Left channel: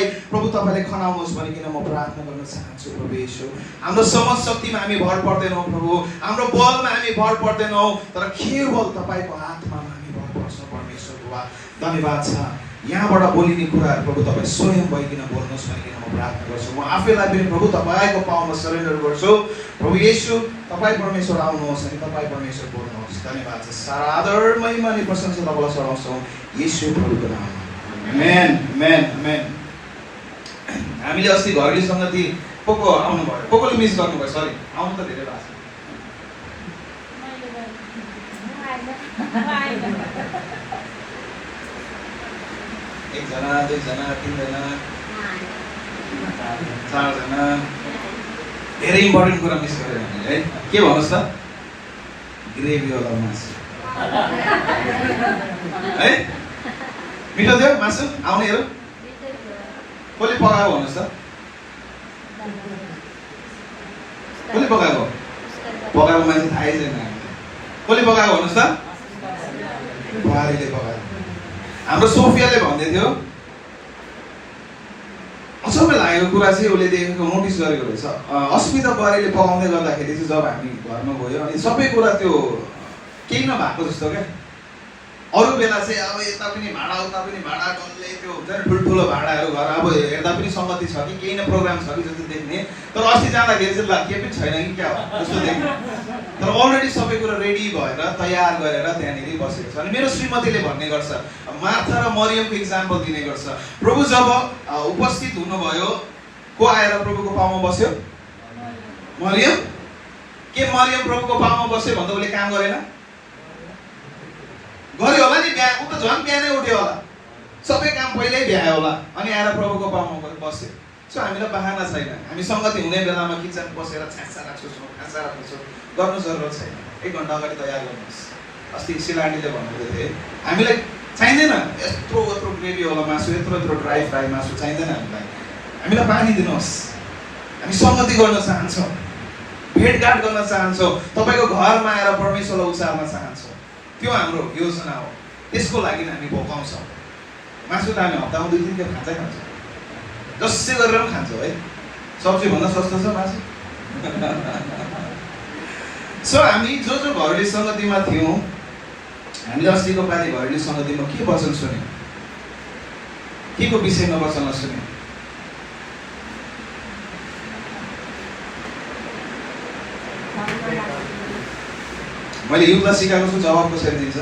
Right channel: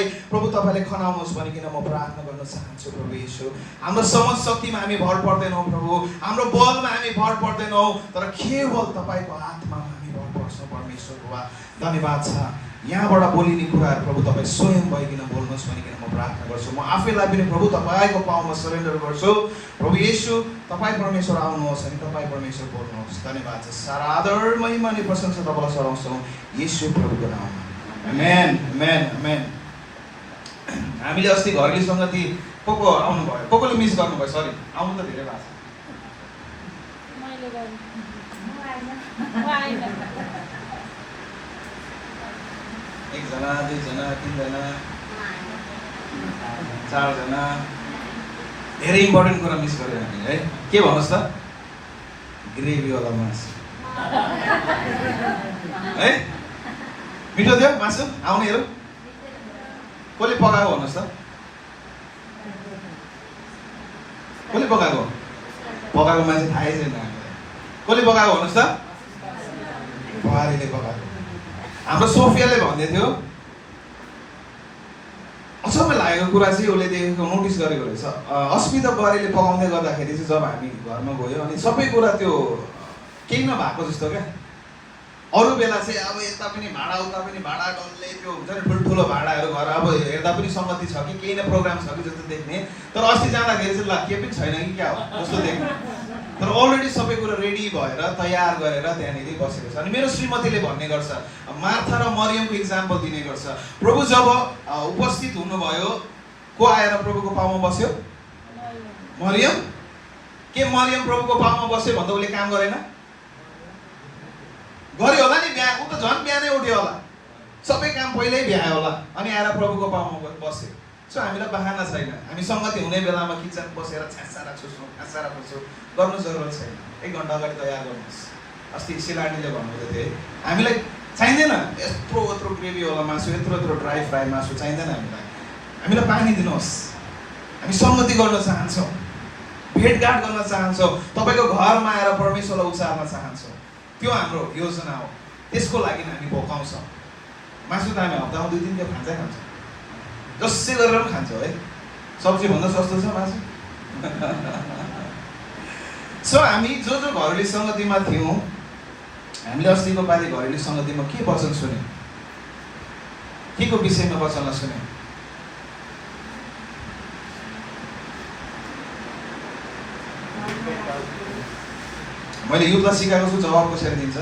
आत्मालाई प्रभु तपाईँले खनाउनुहोस् भनिकन म प्रार्थना गर्न चाहन्छु प्रभु येशू। हाम्रो समझ शक्तिमा हामी भर पर्दैनौँ प्रभु, हाम्रो बलमा हामी भर पर्दैनौँ, तर केवल तपाईँको आत्मामा हामी भर पर्छौँ परमेश्वर बाबा। धन्यवाद छ यहाँबाट बोलिने कुराहरू प्रभु तपाईँ स्वयं भइकन बोल्नुहोस् भनिकन म प्रार्थना गर्छु। म आफैलाई पनि प्रभु तपाईँको पाउमा सरेन्डर गर्छु प्रभु येशू। तपाईँ परमेश्वर आउनुहोस् अनि तपाईँ परमेश्वर बोल्नुहोस्। धन्यवाद छ। सारा आदर महिमा अनि प्रशंसा तपाईँलाई चढाउँछौँ येशू प्रभुको नाममा। आमेन आमेन आमेन। हामीले अस्ति घडी सङ्गति को आउनु भयो, कोले मिस गर्नुभयो? सरी, आउनु त धेरै लाग्छ। एकजना, दुईजना, तीनजना, चारजना, धेरै इम्पोर्टेन्ट कुरा मिस गरेर हामीले के भन्नुहोस् त? ग्रेभी वाला मासु है, मिठो थियो मासु। आउनेहरू कसले पकाएको भन्नुहोस् त? कसले पकाएको? पकाएको मान्छे थाहै छैन हामीलाई। कसले पकाएको भन्नुहोस् त? बुहारीले पकाएको। हाम्रो सोफियाले भन्दै थियो, अचम्मै लागेको कुरा चाहिँ उसले देखेको नोटिस गरेको रहेछ। अस्मिता बुहारीले पकाउँदै गर्दाखेरि चाहिँ जब हामी घरमा गयो अनि सबै कुरा त्यो केही नभएको जस्तो क्या। अरू बेला चाहिँ अब यता पनि भाडा उता पनि भाडा, कसले त्यो हुन्छ नि ठुल्ठुलो भाडाहरू घर अब हेर्दा पनि सङ्गति छ कि केही न प्रोग्राम छ कि जस्तो देख्ने। तर अस्ति जाँदाखेरि चाहिँ ल के पनि छैन कि क्या हो जस्तो देख्ने। तर अलरेडी सबै कुरा रेडी भएर तयार गरेर त्यहाँनिर बसेको छ। अनि मेरो श्रीमतीले भन्ने गर्छ, मार्था र मरियमको इक्जाम्पल दिने गर्छ। प्रभु जब उपस्थित हुनुभयो, को आएर प्रभुको पाउमा बस्यो? मरियम। के मरियम प्रभुको पाउमा बस्यो भन्दा उसले काम गरेन? गर्यो होला नि, बिहा उ त झन् बिहानै उठ्यो होला, सबै काम पहिल्यै भ्यायो होला, अनि आएर प्रभुको पाउमा बस्यो। सो हामीलाई बहाना छैन। हामी सङ्गति हुने बेलामा किचन बसेर छ्यासा राख्छु, खासा राख्छु गर्नु जरुरत छैन। 1 घण्टा अगाडि तयार गर्नुहोस्। अस्ति शिलानीले भन्दै थिए हामीलाई चाहिँदैन यत्रो ग्रेभी वाला मासु, यत्रो ड्राई फ्राई मासु चाहिँदैन हामीलाई। हामीलाई पानी दिनुहोस्। हामी सङ्गति गर्न चाहन्छौँ, भेटघाट गर्न चाहन्छौँ, तपाईँको घरमा आएर परमेश्वरलाई उचार्न चाहन्छौँ। त्यो हाम्रो योजना हो। त्यसको लागि हामी भोकाउँछौँ। मासु त हामी हप्तामा 2-3 दिन खान्छै खान्छ, जसै गरेर पनि खान्छ है। सब्जीभन्दा सस्तो छ मासु। सो हामी जो घरेलु सङ्गतिमा थियौँ, हामीले अस्तिको पालि घरेलु सङ्गतिमा के वचन सुन्यौँ? के को विषयमा वचन सुन्यौँ? मैले युद्ध सिकाएको छु, जवाब कसरी दिन्छ?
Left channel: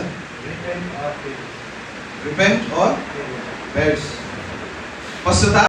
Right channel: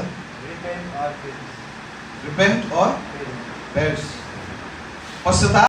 रिपेन्ट और पेरिश। पश्चाताप